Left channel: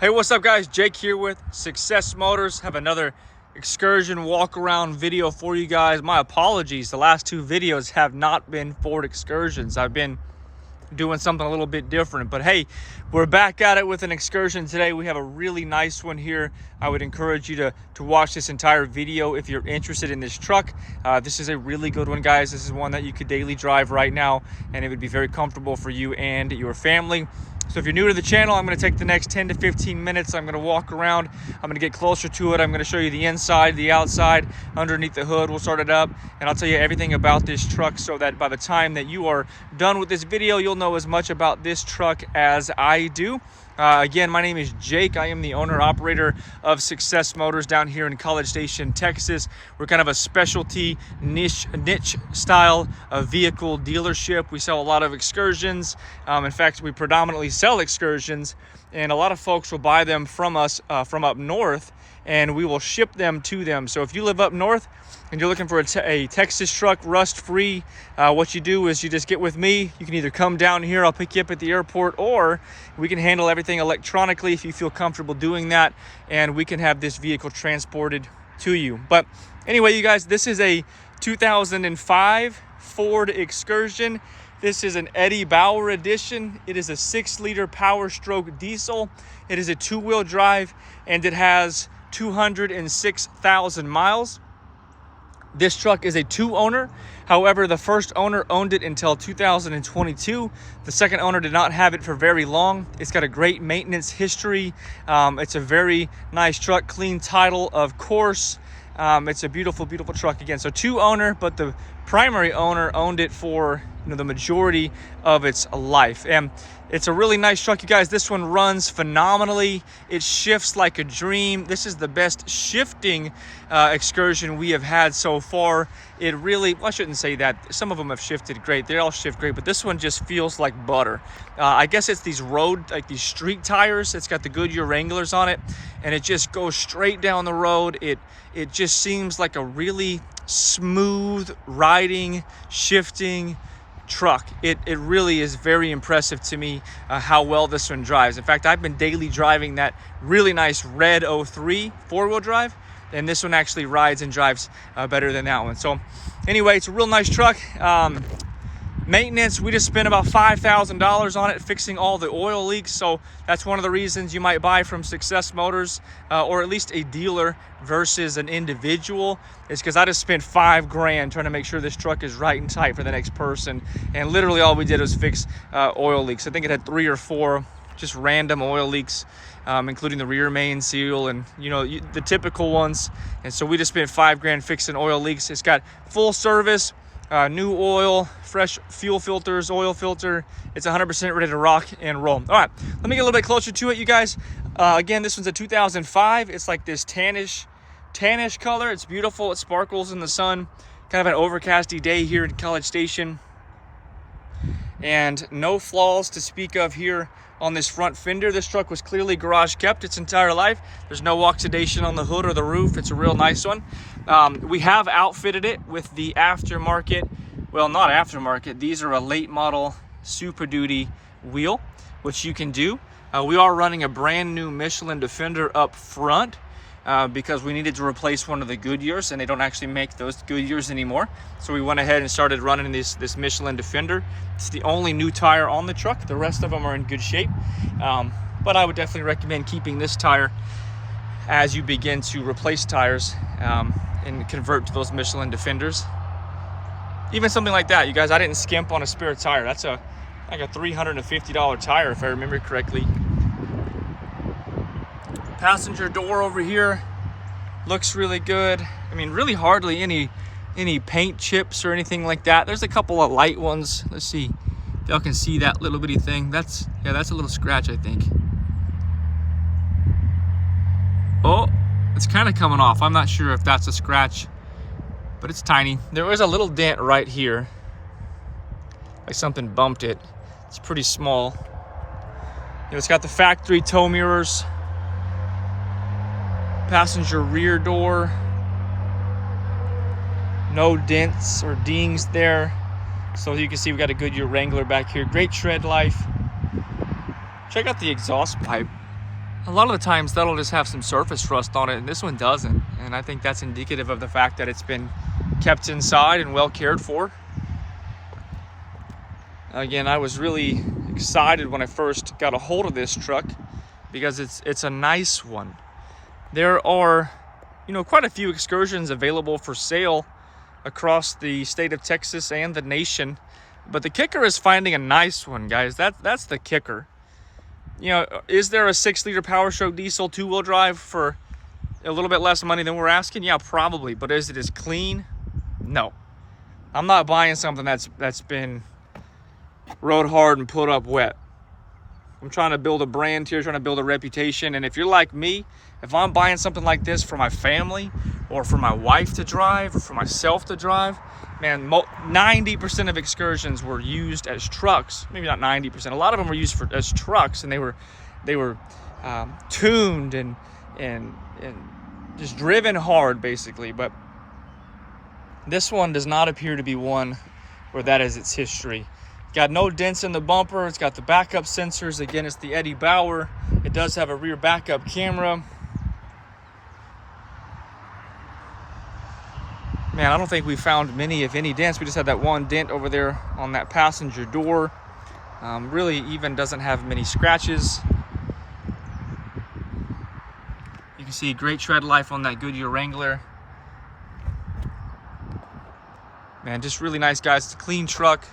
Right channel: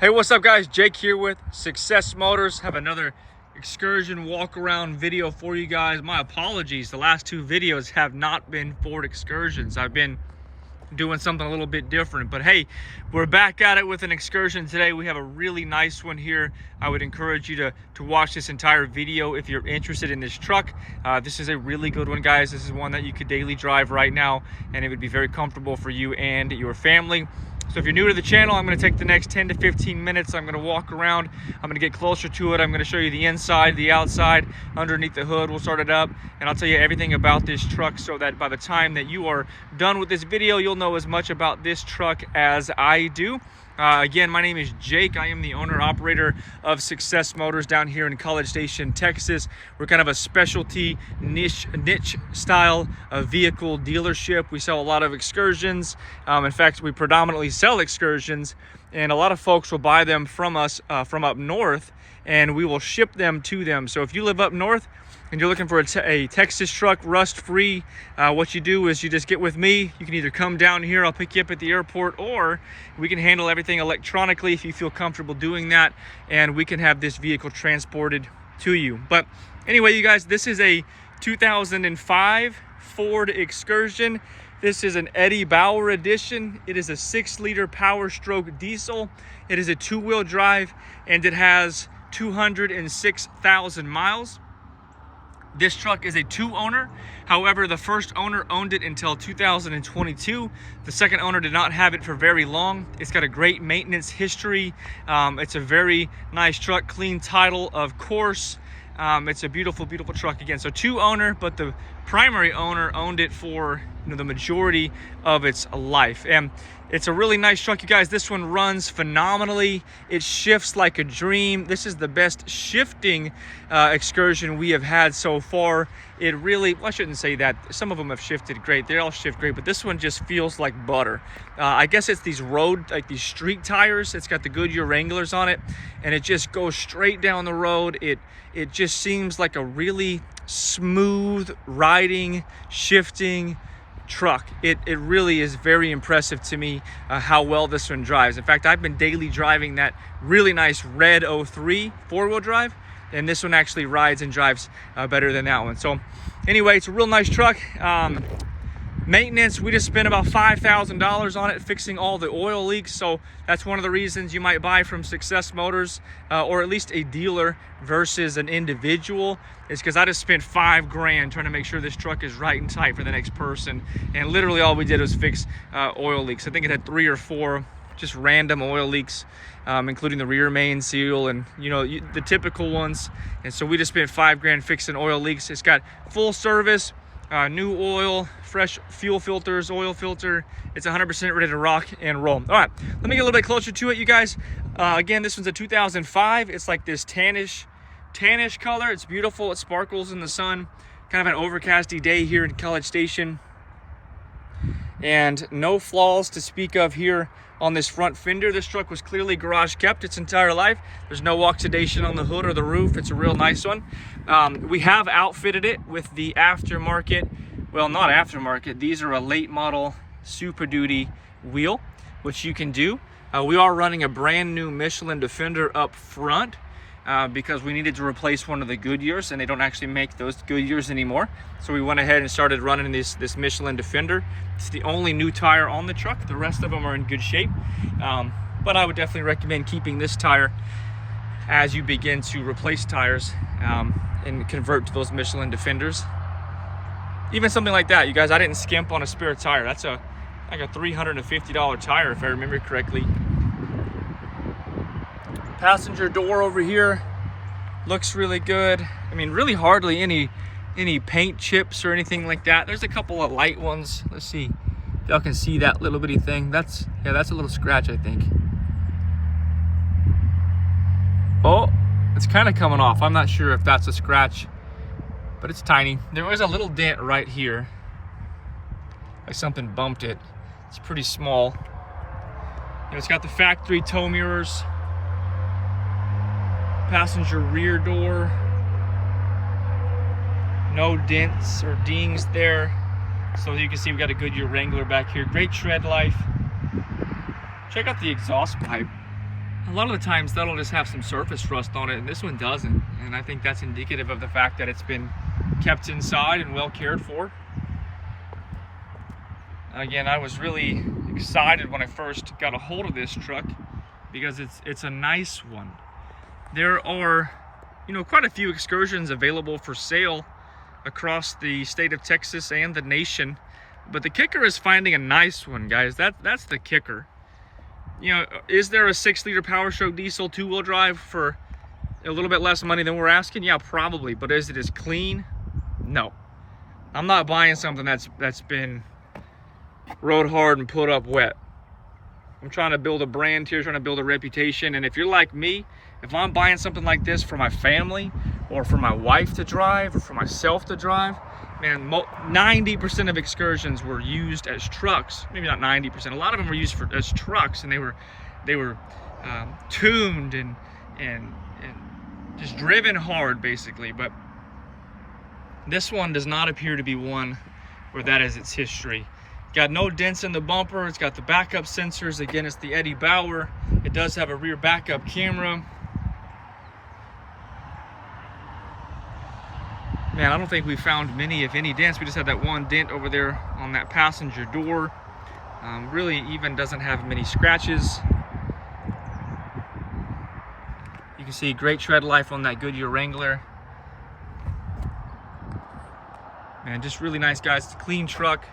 Hey, what's up guys? Jake here with Success Motors. Have another Excursion walk around video for you guys. My apologies, the last two videos have not been Ford Excursions. I've been doing something a little bit different, but hey, we're back at it with an Excursion today. We have a really nice one here. I would encourage you to watch this entire video if you're interested in this truck. This is a really good one, guys. This is one that you could daily drive right now, and it would be very comfortable for you and your family. So if you're new to the channel, I'm going to take the next 10 to 15 minutes. I'm going to walk around. I'm going to get closer to it. I'm going to show you the inside, the outside, underneath the hood. We'll start it up, and I'll tell you everything about this truck so that by the time that you are done with this video, you'll know as much about this truck as I do. Again, my name is Jake. I am the owner-operator of Success Motors down here in College Station, Texas. We're kind of a specialty niche style of vehicle dealership. We sell a lot of Excursions. In fact, we predominantly sell Excursions, and a lot of folks will buy them from us from up north, and we will ship them to them. So if you live up north and you're looking for a Texas truck, rust-free, what you do is you just get with me. You can either come down here, I'll pick you up at the airport, or we can handle everything electronically if you feel comfortable doing that, and we can have this vehicle transported to you. But anyway, you guys, this is a 2005 Ford Excursion. This is an Eddie Bauer edition. It is a 6-liter Powerstroke diesel. It is a 2-wheel drive, and it has 206,000 miles. This truck is a 2-owner. However, the first owner owned it until 2022. The second owner did not have it for very long. It's got a great maintenance history. It's a very nice truck, clean title, of course. It's a beautiful, beautiful truck again. So 2-owner, but the primary owner owned it for the majority of its life. And it's a really nice truck, you guys. This one runs phenomenally. It shifts like a dream. This is the best shifting Excursion we have had so far. It really, well, I shouldn't say that. Some of them have shifted great. They all shift great, but this one just feels like butter. I guess it's these road, like these street tires. It's got the Goodyear Wranglers on it, and it just goes straight down the road. It just seems like a really smooth riding, shifting truck. It really is very impressive to me how well this one drives. In fact, I've been daily driving that really nice red 03 4-wheel drive, and this one actually rides and drives better than that one. So anyway, it's a real nice truck. Maintenance, we just spent about $5,000 on it fixing all the oil leaks. So that's one of the reasons you might buy from Success Motors, or at least a dealer versus an individual. It's because I just spent $5 grand trying to make sure this truck is right and tight for the next person. And literally all we did was fix oil leaks. I think it had 3 or 4 just random oil leaks, including the rear main seal and the typical ones. And so we just spent $5 grand fixing oil leaks. It's got full service, new oil, fresh fuel filters, oil filter. It's 100% ready to rock and roll. All right, let me get a little bit closer to it, you guys. Again, this one's a 2005. It's like this tannish color. It's beautiful. It sparkles in the sun. Kind of an overcasty day here in College Station. And no flaws to speak of here on this front fender. This truck was clearly garage kept its entire life. There's no oxidation on the hood or the roof. It's a real nice one. We have outfitted it with the aftermarket, well, not aftermarket, these are a late model Super Duty wheel, which you can do. We are running a brand new Michelin Defender up front because we needed to replace one of the Goodyears, and they don't actually make those Goodyears anymore. So we went ahead and started running this Michelin Defender. It's the only new tire on the truck. The rest of them are in good shape. But I would definitely recommend keeping this tire as you begin to replace tires and convert to those Michelin Defenders. Even something like that, you guys, I didn't skimp on a spare tire. That's like a $350 tire, if I remember correctly. Passenger door over here looks really good. I mean, really hardly any paint chips or anything like that. There's a couple of light ones. Let's see if y'all can see that little bitty thing. That's a little scratch, I think. Oh, it's kind of coming off. I'm not sure if that's a scratch, but it's tiny. There was a little dent right here, like something bumped it. It's pretty small. It's got the factory tow mirrors, passenger rear door, no dents or dings there. So you can see we got a Goodyear Wrangler back here. Great tread life. Check out the exhaust pipe. A lot of the times that'll just have some surface rust on it, and this one doesn't. And I think that's indicative of the fact that it's been kept inside and well cared for. Again, I was really excited when I first got a hold of this truck because it's a nice one. There are, quite a few Excursions available for sale across the state of Texas and the nation, but the kicker is finding a nice one, guys. That's the kicker. Is there a 6-liter Powerstroke diesel 2-wheel drive for a little bit less money than we're asking? Yeah, probably. But is it as clean? No. I'm not buying something that's been rode hard and put up wet. I'm trying to build a brand here, trying to build a reputation. And if you're like me, if I'm buying something like this for my family or for my wife to drive or for myself to drive, man, 90% of Excursions were used as trucks. Maybe not 90%. A lot of them were used as trucks, and they were tuned and just driven hard, basically. But this one does not appear to be one where that is its history. Got no dents in the bumper. It's got the backup sensors. Again, it's the Eddie Bauer. It does have a rear backup camera. Man, I don't think we found many, if any, dents. We just had that one dent over there on that passenger door. Really even doesn't have many scratches. You can see great tread life on that Goodyear Wrangler. Man, just really nice, guys. It's a clean truck.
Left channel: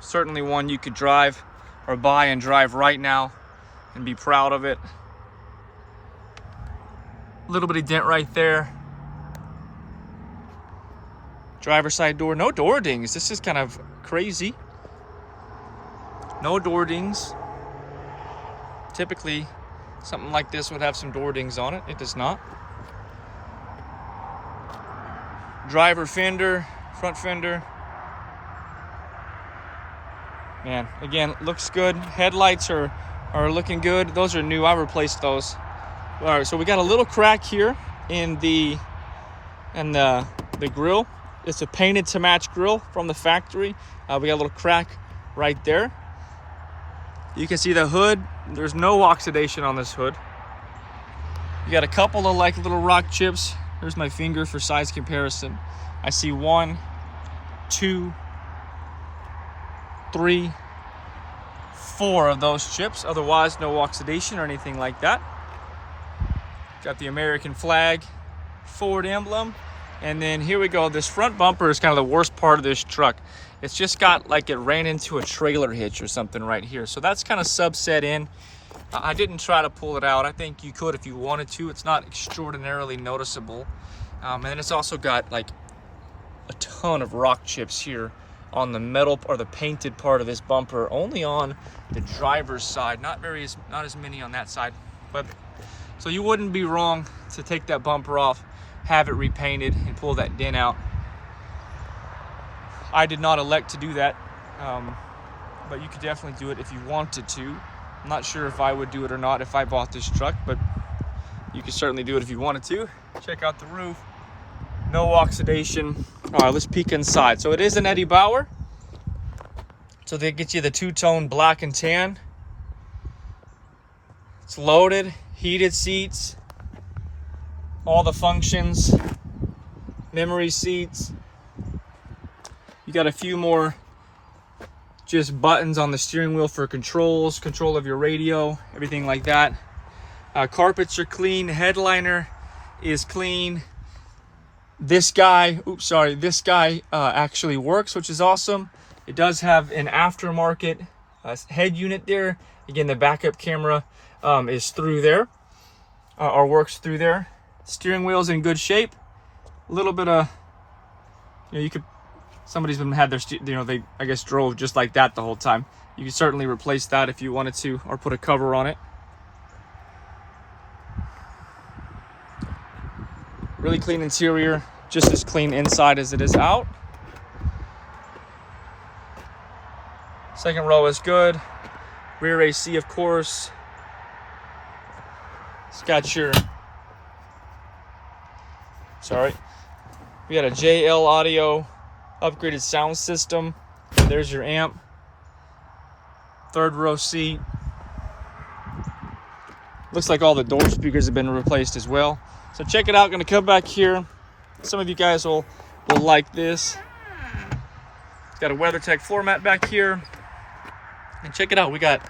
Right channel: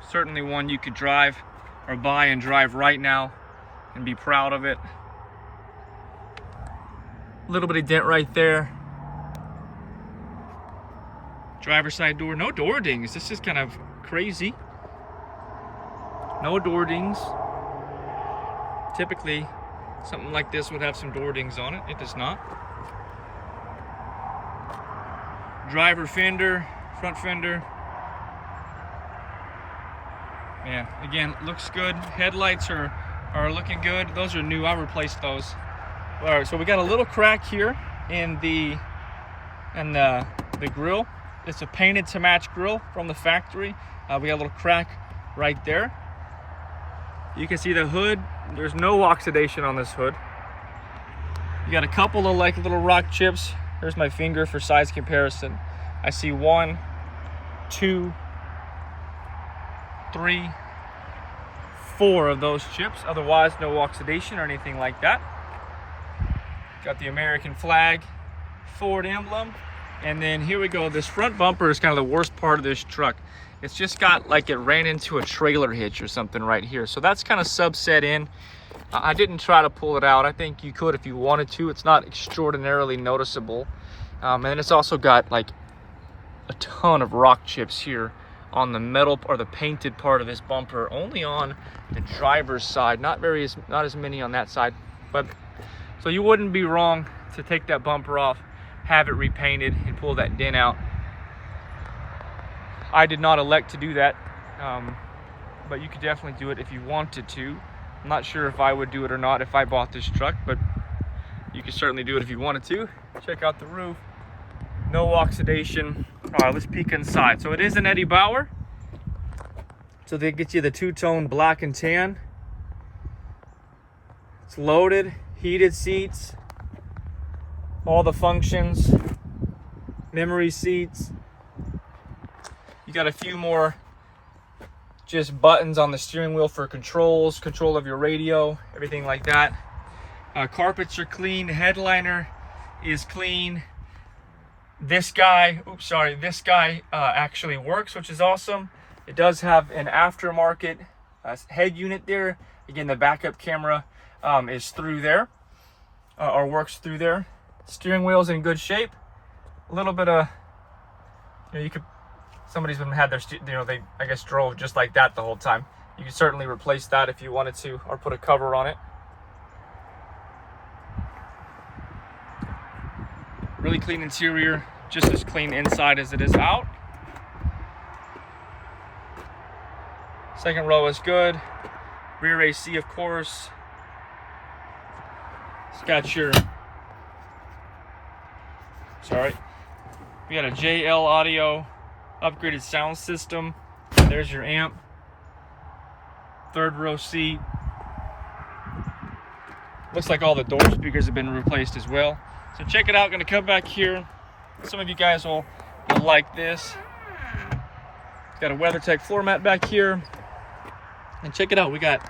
Certainly one you could drive or buy and drive right now and be proud of it. A little bit of dent right there. Driver's side door, no door dings. This is kind of crazy. No door dings. Typically, something like this would have some door dings on it. It does not. Driver fender, front fender. Man, again, looks good. Headlights are looking good. Those are new. I replaced those. All right, so we got a little crack here in the grill. It's a painted to match grill from the factory. We got a little crack right there. You can see the hood. There's no oxidation on this hood. You got a couple of little rock chips. Here's my finger for size comparison. I see 1, 2, 3, 4 of those chips. Otherwise, no oxidation or anything like that. Got the American flag, Ford emblem. And then here we go. This front bumper is kind of the worst part of this truck. It's just got like it ran into a trailer hitch or something right here. So that's kind of subset in. I didn't try to pull it out. I think you could if you wanted to. It's not extraordinarily noticeable. And then it's also got like a ton of rock chips here on the metal or the painted part of this bumper, only on the driver's side. Not as many on that side. But so you wouldn't be wrong to take that bumper off, have it repainted, and pull that dent out. I did not elect to do that, but you could definitely do it if you wanted to. I'm not sure if I would do it or not if I bought this truck, but you could certainly do it if you wanted to. Check out the roof. No oxidation. All right, let's peek inside. So it is an Eddie Bauer. So they get you the two-tone black and tan. It's loaded, heated seats, all the functions, memory seats. You got a few more just buttons on the steering wheel for controls, control of your radio, everything like that. Carpets are clean, headliner is clean. This guy actually works, which is awesome. It does have an aftermarket head unit there. Again, the backup camera is through there, or works through there. Steering wheel's in good shape. A little bit of, somebody's been had their, they I guess drove just like that the whole time. You could certainly replace that if you wanted to, or put a cover on it. Really clean interior, just as clean inside as it is out. Second row is good. Rear AC, of course. It's got your, we got a JL audio, upgraded sound system. There's your amp. Third row seat. Looks like all the door speakers have been replaced as well. So check it out. Gonna come back here. Some of you guys will like this. Got a WeatherTech floor mat back here. And check it out. We got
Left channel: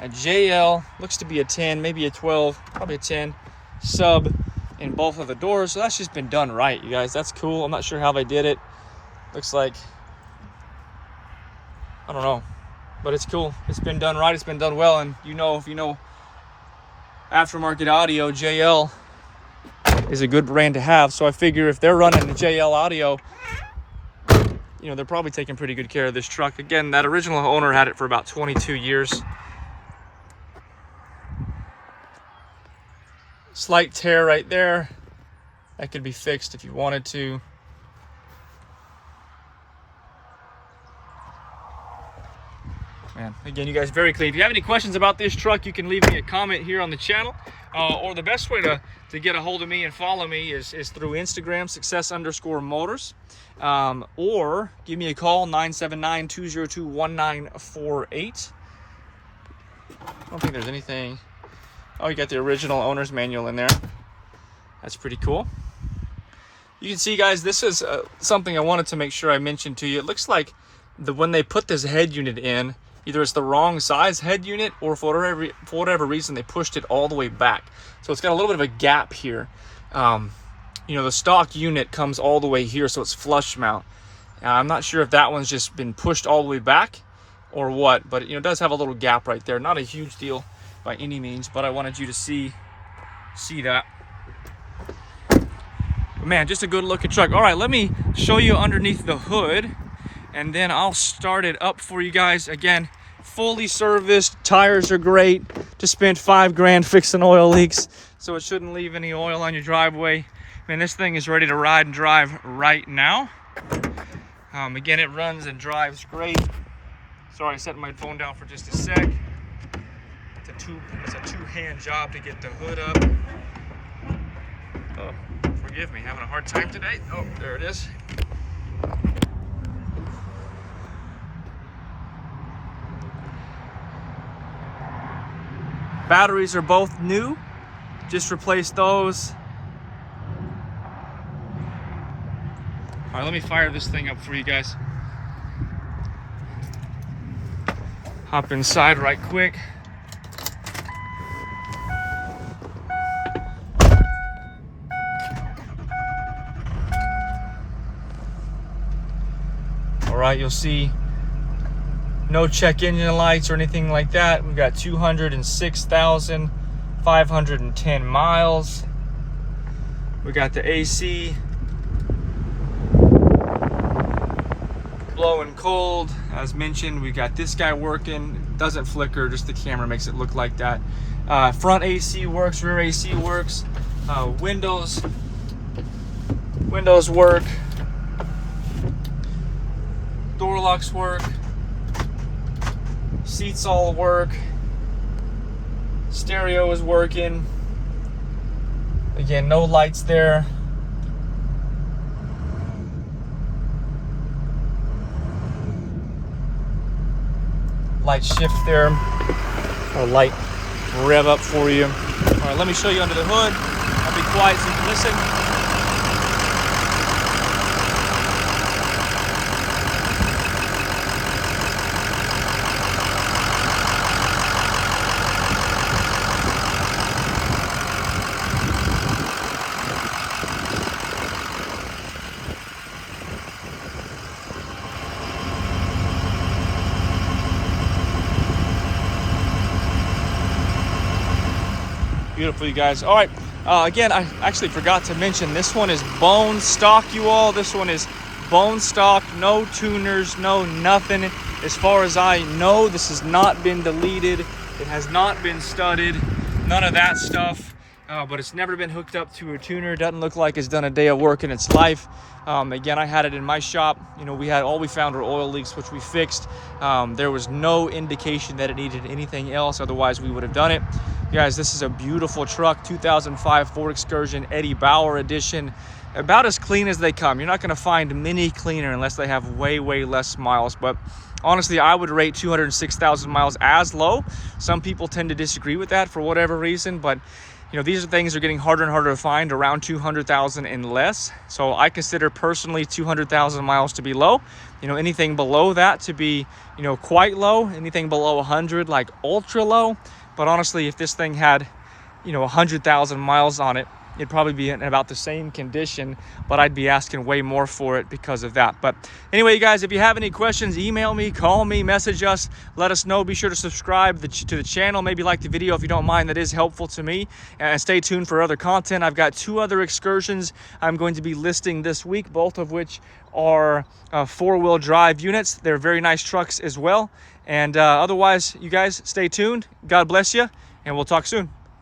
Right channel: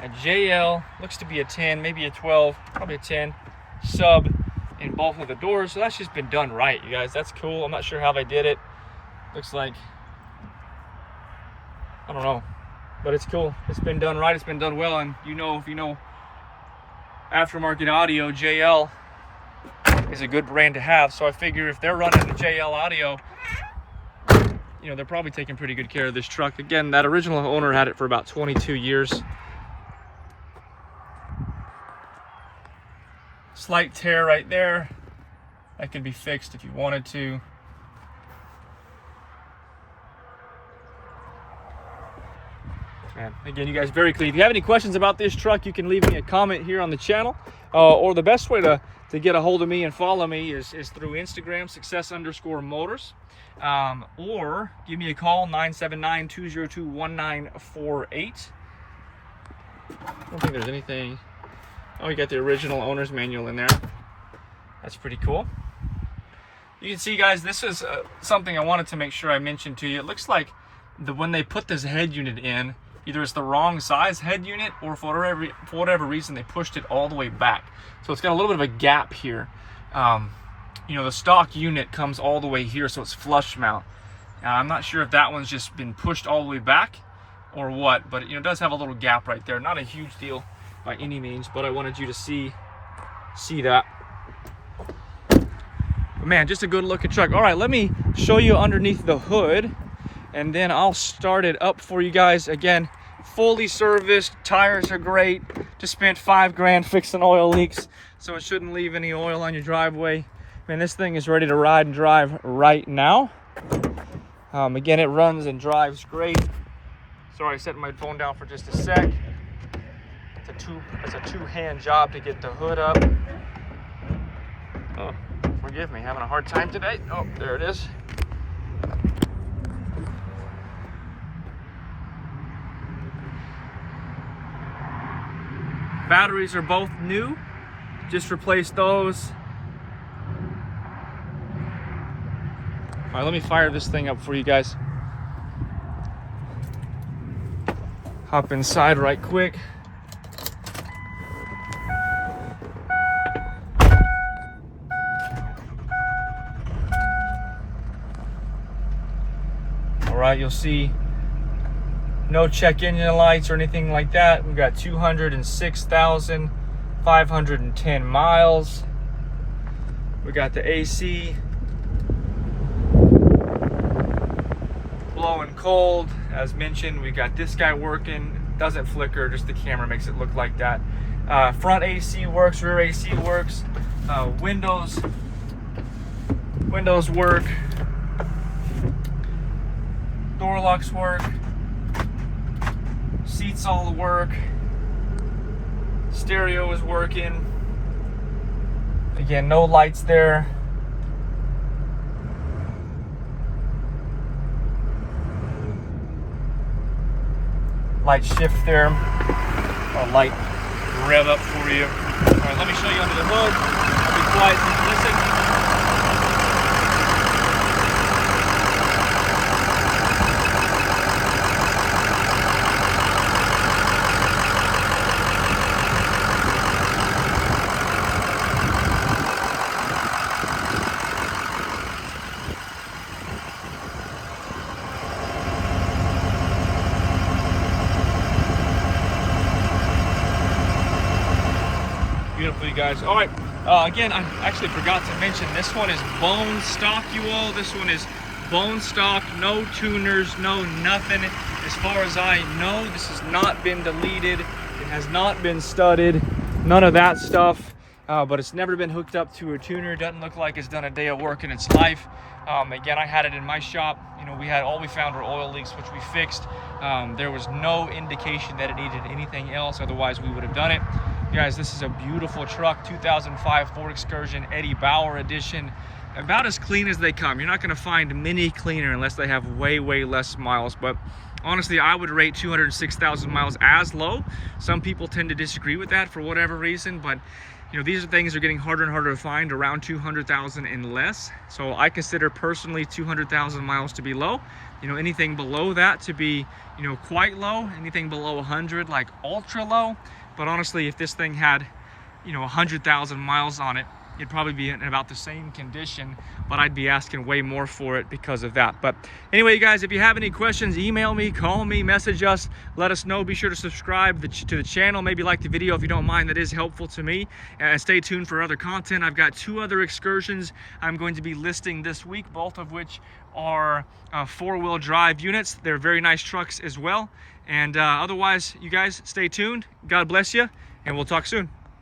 a JL, looks to be a 10, maybe a 12, probably a 10 sub in both of the doors. So that's just been done right, you guys. That's cool. I'm not sure how they did it. Looks like, I don't know, but it's cool. It's been done right. It's been done well. And you know, if you know aftermarket audio, JL is a good brand to have. So I figure if they're running the JL audio, you know, they're probably taking pretty good care of this truck. Again, that original owner had it for about 22 years. Slight tear right there. That could be fixed if you wanted to. Man, again, you guys, very clean. If you have any questions about this truck, you can leave me a comment here on the channel. Or the best way to get a hold of me and follow me is through Instagram, success_motors. Or give me a call, 979-202-1948. I don't think there's anything. Oh, you got the original owner's manual in there. That's pretty cool. You can see, guys, this is something I wanted to make sure I mentioned to you. It looks like when they put this head unit in, either it's the wrong size head unit, or for whatever reason they pushed it all the way back. So it's got a little bit of a gap here. You know, the stock unit comes all the way here, so it's flush mount. I'm not sure if that one's just been pushed all the way back or what, but you know, it does have a little gap right there. Not a huge deal by any means, but I wanted you to see that. But man, just a good looking truck. All right, let me show you underneath the hood, and then I'll start it up for you guys. Again, fully serviced, tires are great. Just spent $5 grand fixing oil leaks, so it shouldn't leave any oil on your driveway. Man, this thing is ready to ride and drive right now. Again, it runs and drives great. Sorry, I set my phone down for just a sec. It's a two-hand job to get the hood up. Oh, forgive me, having a hard time today. Oh, there it is. Batteries are both new. Just replaced those. All right, let me fire this thing up for you guys. Hop inside right quick. All right, you'll see no check engine lights or anything like that. We've got 206,510 miles. We got the AC blowing cold. As mentioned, we got this guy working. It doesn't flicker, just the camera makes it look like that. Front AC works, rear AC works. Windows work. Door locks work. Seats all work. Stereo is working. Again, no lights there. Light shift there, or light rev up for you. Right, let me show you under the hood. I'll be quiet so you can listen. Beautiful, you guys. All right, again, I actually forgot to mention, this one is bone stock, you all. This one is bone stock, no tuners, no nothing. As far as I know, this has not been deleted. It has not been studded, none of that stuff. But it's never been hooked up to a tuner. Doesn't look like it's done a day of work in its life. Again, I had it in my shop. You know, all we found were oil leaks, which we fixed. There was no indication that it needed anything else. Otherwise, we would have done it. You guys, this is a beautiful truck, 2005 Ford Excursion Eddie Bauer edition. about as clean as they come. You're not gonna find many cleaner unless they have way less miles. But honestly, I would rate 206,000 miles as low. Some people tend to disagree with that for whatever reason, but you know, these are things that are getting harder and harder to find, around 200,000 and less. So I consider personally 200,000 miles to be low. You know, anything below that to be, you know, quite low. Anything below 100, like ultra low. But honestly, if this thing had, you know, 100,000 miles on it, it'd probably be in about the same condition, but I'd be asking way more for it because of that. But anyway, you guys, if you have any questions, email me, call me, message us, let us know. Be sure to subscribe to the channel, maybe like the video if you don't mind. That is helpful to me. And stay tuned for other content. I've got 2 other excursions I'm going to be listing this week, both of which are 4-wheel drive units. They're very nice trucks as well. And otherwise, you guys stay tuned. God bless you, and we'll talk soon.